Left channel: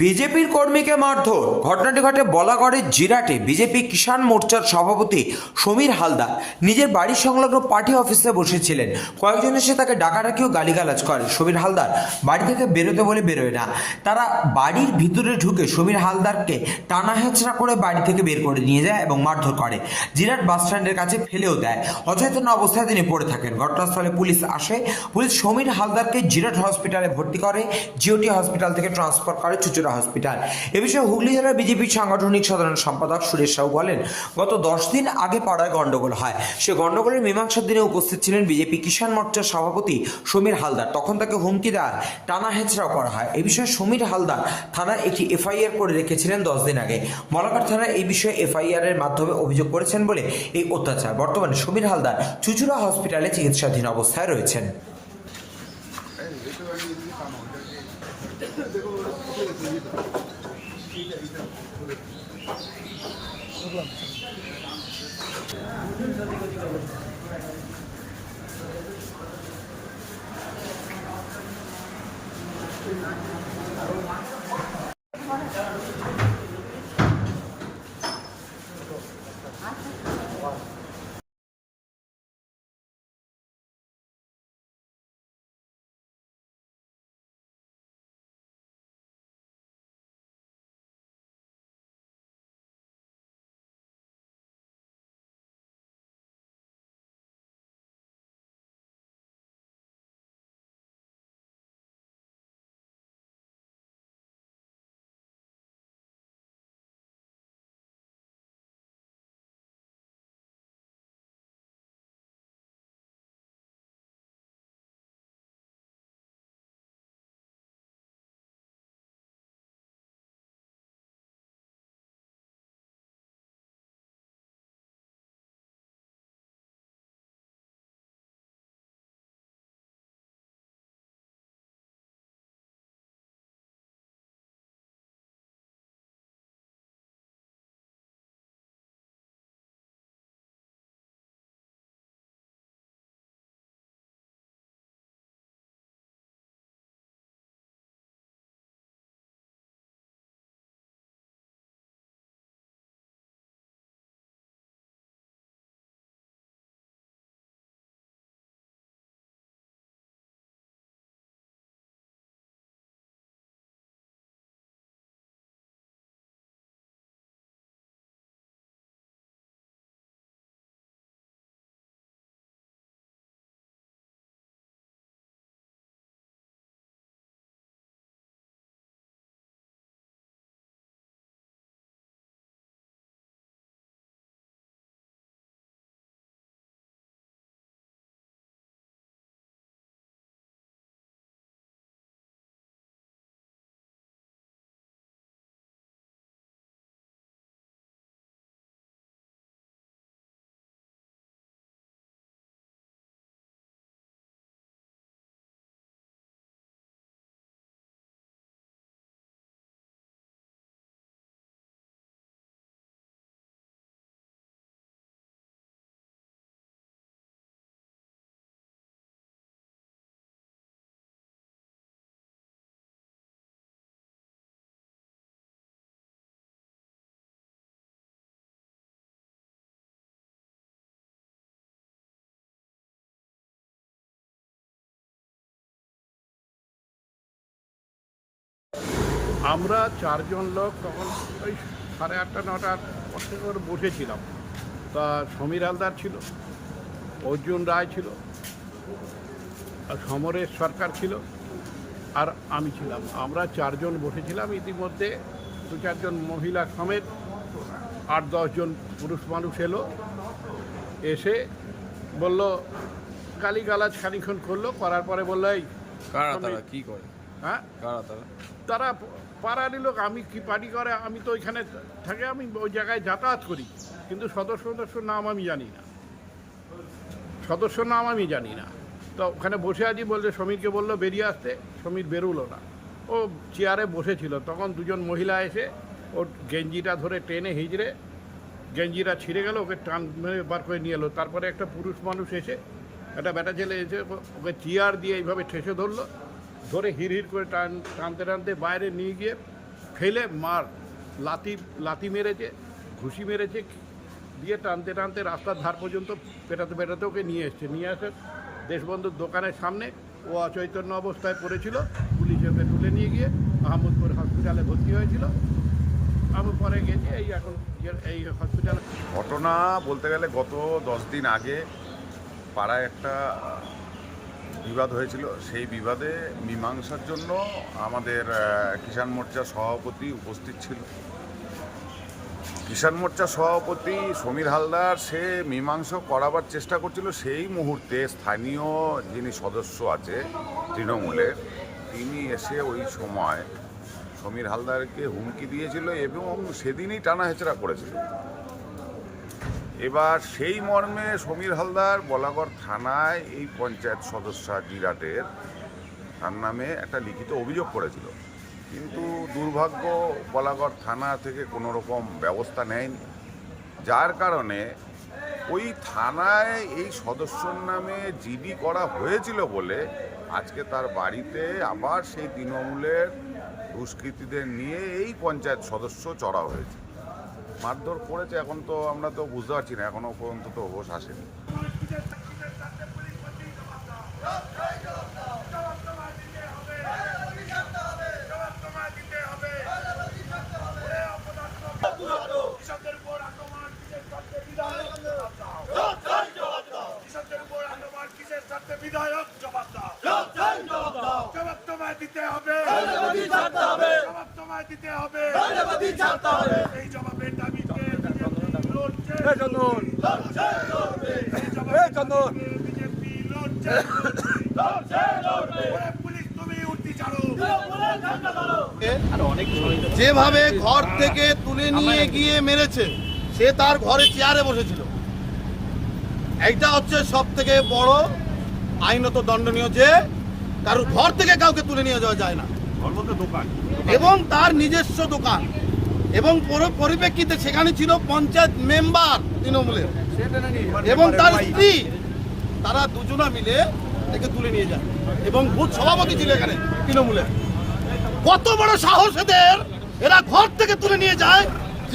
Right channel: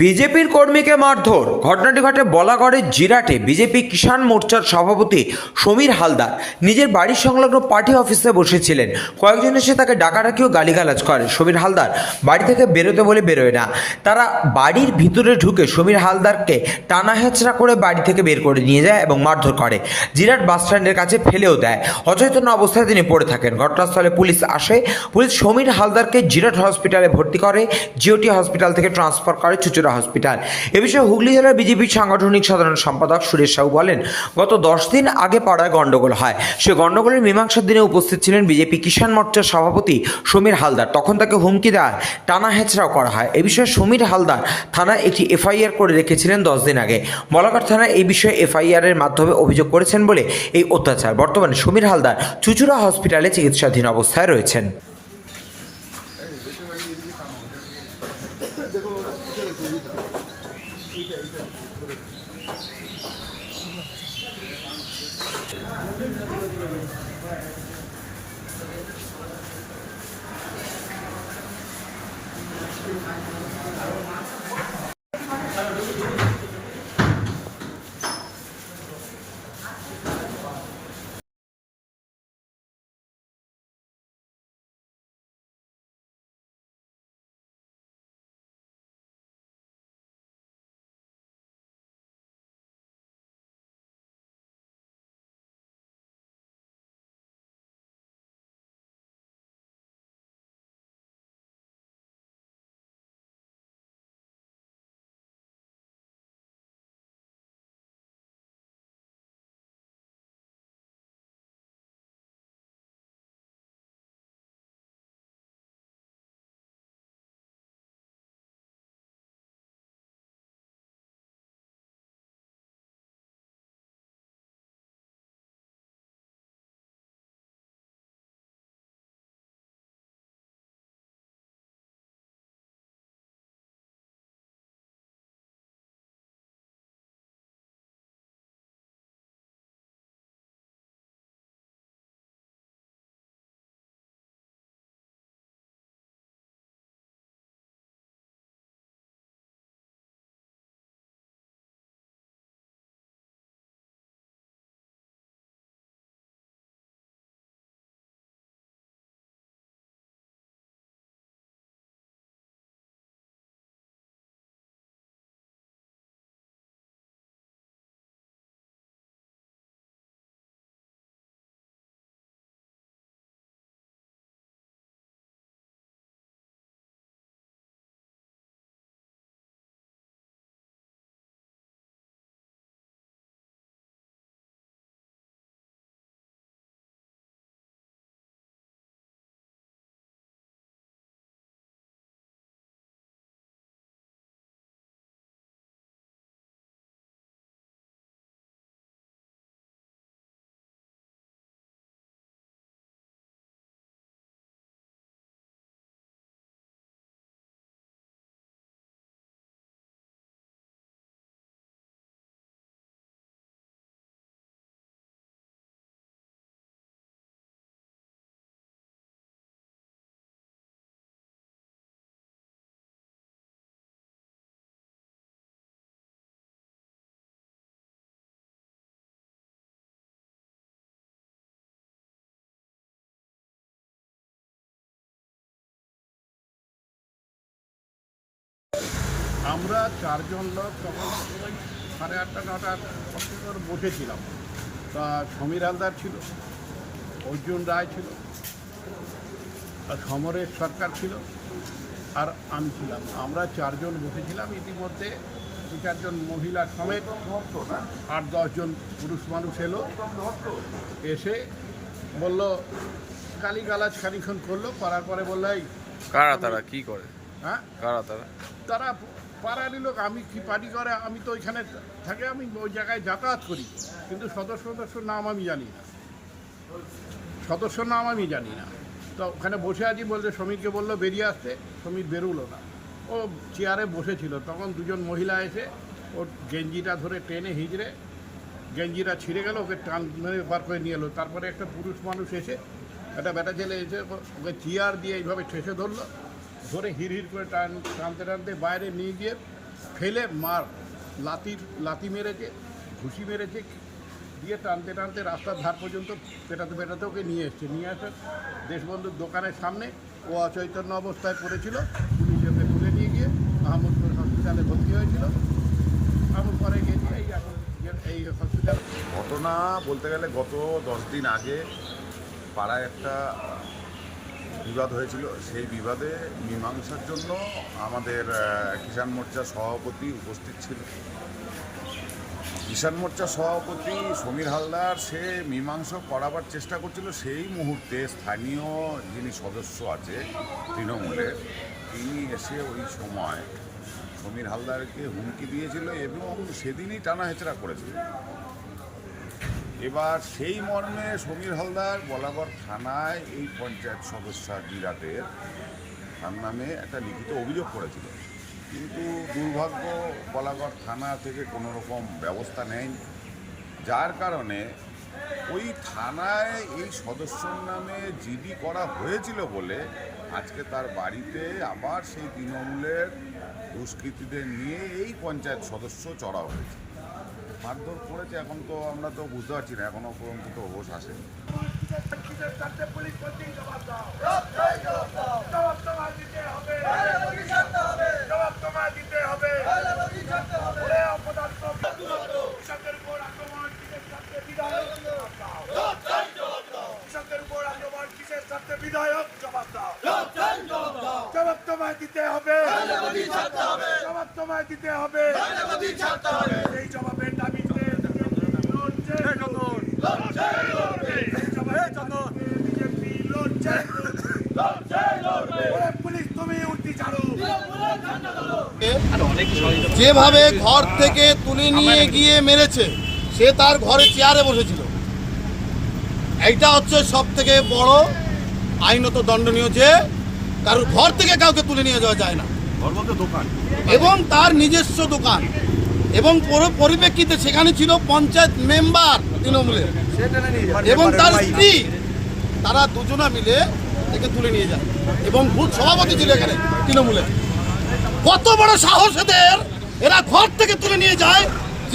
বিজেপির কর্মীকে মারধর। ঘটনাটি ঘটে বলাগড়ের জিরাটে। বিজেপি কিষাণ মোর্চার সভাপতি সমীর হালদার নিজের বাড়ির সংলগ্ন পার্টি অফিসে বসেছিলেন। কয়েকজন এসে তাকে ডাকাডাকি ও গালিগালাজ করে। সমীর হালদার বাড়ি থেকে বেরোতে বলে বেরোয় না। তারা বাড়ির ভিতরে ঢুকে সমীর হালদারকে টানা হেঁচড়া করে বাড়ি থেকে বের করে নিয়ে যায় এবং মারধর করে। জিরাট বাস স্ট্যান্ডের কাছে ফেলেও দেয়। অচেতন অবস্থায় তিনি পড়ে থাকেন। ঘটনাস্থলে পুলিশ আসে। পুলিশ সমীর হালদারকে জিরাট হসপিটালে ভর্তি করে। জিওটি হসপিটাল থেকে ট্রান্সফার করে চুচুড়া হসপিটাল। এ বিষয়ে হুগলি জেলার বিজেপির সাংগঠনিক সাধারণ সম্পাদক সুরেশ সাহু বলেন, গত 10 দিন আগে পাড়ায় গন্ডগোল হয়। সে গন্ডগোলের মীমাংসার দিনে উপস্থিত ছিলেন বিজেপি কিষাণ মোর্চার সভাপতি সমীর হালদার। তখন তাকে হুমকি দেয়, টানা হেঁচড়াও করা হয়। এ বিষয়ে সমীর হালদার থানায় একটি এফআইআর করে রেখেছিলেন 10 দিন আগে। বলাগড় থানায় এই বিষয়ে এফআইআর এর মাধ্যমে অভিযোগ করেছেন বলে এই অত্যাচার। বর্তমানে সমীর হালদার চুচুড়া হসপিটালে চিকিৎসাধীন অবস্থায় রয়েছেন। আমরা 4 জন লোক তখন ওই 8:30 9টার পর থেকে করে বসেছিলাম। তা সমীর হালদার ছিল, অর্জুন রায় ছিল, আর সমরেশ সরকার ছিল, আর আমি ছিলাম। আমরা 4 জন বসেছিলাম। ইতিমধ্যে 2-4 জন মহিলা সমেত 8-10 জন পুরুষ মানুষ এলো। এসে বলল, গালিগালাজ খানিক্ষণ করলো। করার পরে বললো, এই কারা তারা কি করে? হ্যাঁ, কারা তারা? তারা পাড়ারই লোক। আমি কি পার্টি করে, আমি তো ওইখানে থাকে, আমি ওই জায়গায় যাতায়াত করি, কিন্তু সদস্যর নাম আমি জানি না, তো ওখানে বসে আছি। বলতে সমীরকে বললো বেরিয়ে আসতে, সমীর বেরোলো না। ও চেয়ারে বসেছিল। তখন 2 জন মহিলা এসে ওর গেঞ্জিটা ধরে টেনে হিজড়ে গেঞ্জিটা ছিঁড়ে গেল, ওকে টান মেরে বার করে নিয়ে এলো। তারপরে একটা পুরুষ মানুষ এসে, একটা বেটা ছেলে এসে ওকে চেয়ার দিয়ে এইভাবে ঠেসে ধরলো। ধরে হিড় করে টানতে বাইরে নিয়ে গিয়ে ফেলে লাতি মেরেছে, ঘুষি মেরেছে, দিয়ে টানতে টানতে রাস্তার ধার পর্যন্ত পেটাতে পেটাতে ওকে নিয়ে এসে দেশবন্ধুর দোকানের সামনে ও অচৈতন্য অবস্থায় পড়েছিল। পুলিশ ওকে তুলে নিয়ে গিয়ে মাহমুদপুর হসপিটালে ভর্তি হয়েছিল। আমি পরে গেছি এই হসপিটালে। ঘটনা বলতে গেলে গত 10 দিন আগে পাড়ায় একটা বিবাদ হয়েছিল। সেই বিবাদে মীমাংসার জন্য আমাদের কিষাণ মোর্চার সভাপতি উপস্থিত ছিল। কিষাণ মোর্চার সভাপতি সমীর হালদার সে মীমাংসা করাবার চেষ্টা করছিল। সেই মুহূর্তে স্থানীয় যিনি সদস্য আছে তৃণমূলের, তিনি এসে ওই সময় সমীর হালদারকে হুমকি দিয়েছিল এবং সেদিনই টানা হেচড়া করেছিল। এবার সেই মর্মে সমীর হালদার বলাগড় থানায় এই পঞ্চায়েত সদস্য জিরাটের তার নামে একটা লিখিত অভিযোগ করেছিল, কিন্তু দুর্ভাগ্য বলাগড় থানা থেকে কোনো রকম ব্যবস্থা নেয়নি, যার কারণে ওই থানায় এই সদস্যর নামে জিডি করা হয়েছিল বলে আজকে তার বাড়িতে আবার সেই তৃণমূলের দুষ্কৃতীদের নিয়ে এই পঞ্চায়েত সদস্য চড়া হয়েছে, মারধর করেছে। এখন তো আমরা তো বুঝতে পারছি না, এখনো পর্যন্ত তো হোশ আসেনি। বিধায়ক জবাব দাও, জবাব তোমায় দিতে হবে, জবাব তোমায় দিতে হবে, এই জবাবের দাবিতে লড়ছে, এই জবাবের বিজেপি লড়ছে, পুলিশ তুমি উঠতি ছাড়ো। যেভাবে ঘর থেকে তুলে নিয়ে গিয়ে মেরেছে, সে তার ঘরে চেয়ারে বসেছিল। এইটা হচ্ছে সব থেকে বড় আইনত দণ্ডনীয়, যে কারোর ঘর থেকে কাউকে তুলে নিয়ে যাওয়া যায় না, এবং তার নিজস্ব দোকান। এবং পরিপ্রেক্ষিতে সেখানে ছিল পঞ্চায়েত মেম্বার তৃণমূলের এবং তার স্ত্রী, তারা দুজনা মিলে একে তুলে নিয়ে যায়, এবং বুথ সভাপতি ছিল এখানে তৃণমূলের। কত বড় সাহস এদের! এরা ঘর থেকে তুলে নিয়ে যায়,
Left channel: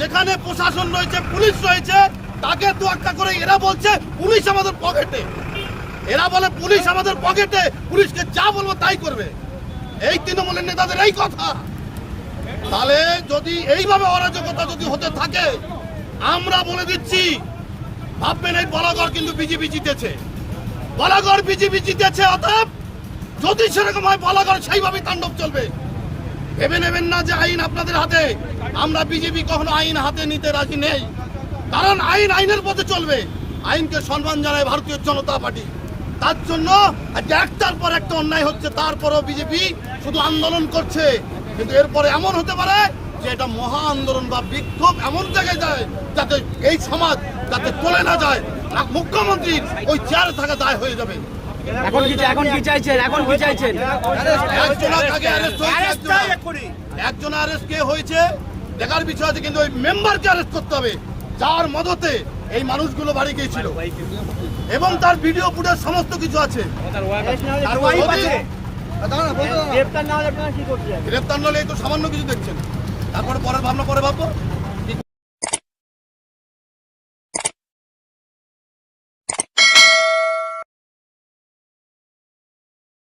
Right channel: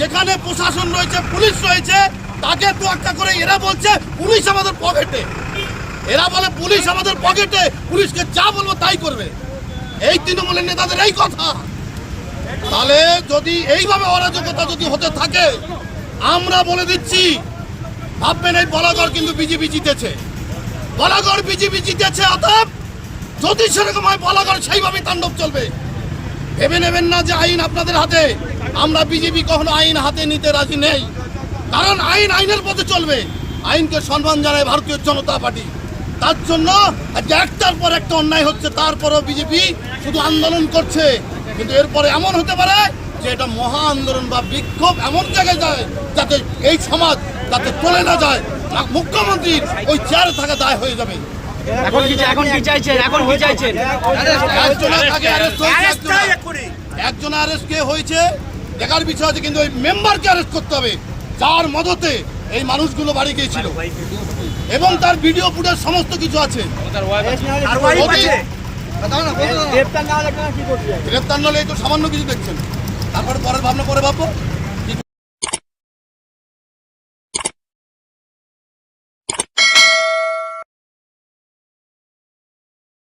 যেখানে প্রশাসন রয়েছে, পুলিশ রয়েছে, তাকে তোয়াক্কা করে এরা বলছে পুলিশ আমাদের পকেটে। এরা বলে পুলিশ আমাদের পকেটে, পুলিশকে যা বলবো তাই করবে। এই তৃণমূলের নেতাদের এই কথা। তাহলে যদি এইভাবে অরাজকতা যদি হতে থাকে, আমরা বলে দিচ্ছি, ভাববেন এই বলাগড় কিন্তু বিজেপি জিতেছে, বলাগড় বিজেপি জিতেছে। অতএব যদি সেরকম হয়, বলাগড় সেইভাবেই তাণ্ডব চলবে। ভেবে নেবেন না যে আইন আপনাদের হাতে। আমরা বিজেপি কখনো আইন হাতে নিতে রাজি নেই, কারণ আইন আইনের পথে চলবে। আইনকে সম্মান জানায় ভারতীয় জনতা পার্টি। তার জন্য একটার পর একটা অন্যায় হচ্ছে, তারপরও বিজেপি শুধু আন্দোলন করছে। কিন্তু এরপরে এমন হতে পারে যে এটা মহা আন্দোলন বা বিক্ষোভ এমন জায়গায় যায় যাতে এই সমাজ যাতে চলে না যায়, মুখ্যমন্ত্রীর ওই চেয়ারে থাকা দায় হয়ে যাবে। একজন অ্যারেস্ট কে হয়েছে দেখার বিষয় আছে, কিন্তু ওই মেম্বারকে অ্যারেস্ট করতে হবে, যার মদতে এই মানুষগুলো বাড়ি গিয়েছিল, এবং তার ভিডিও ফুটেজ সমস্ত কিছু আছে। গ্রেপ্তার না হলে এই তো সামান্য কিছু দেখছেন, তারপরে পরের ভাবনা পরে ভাববো।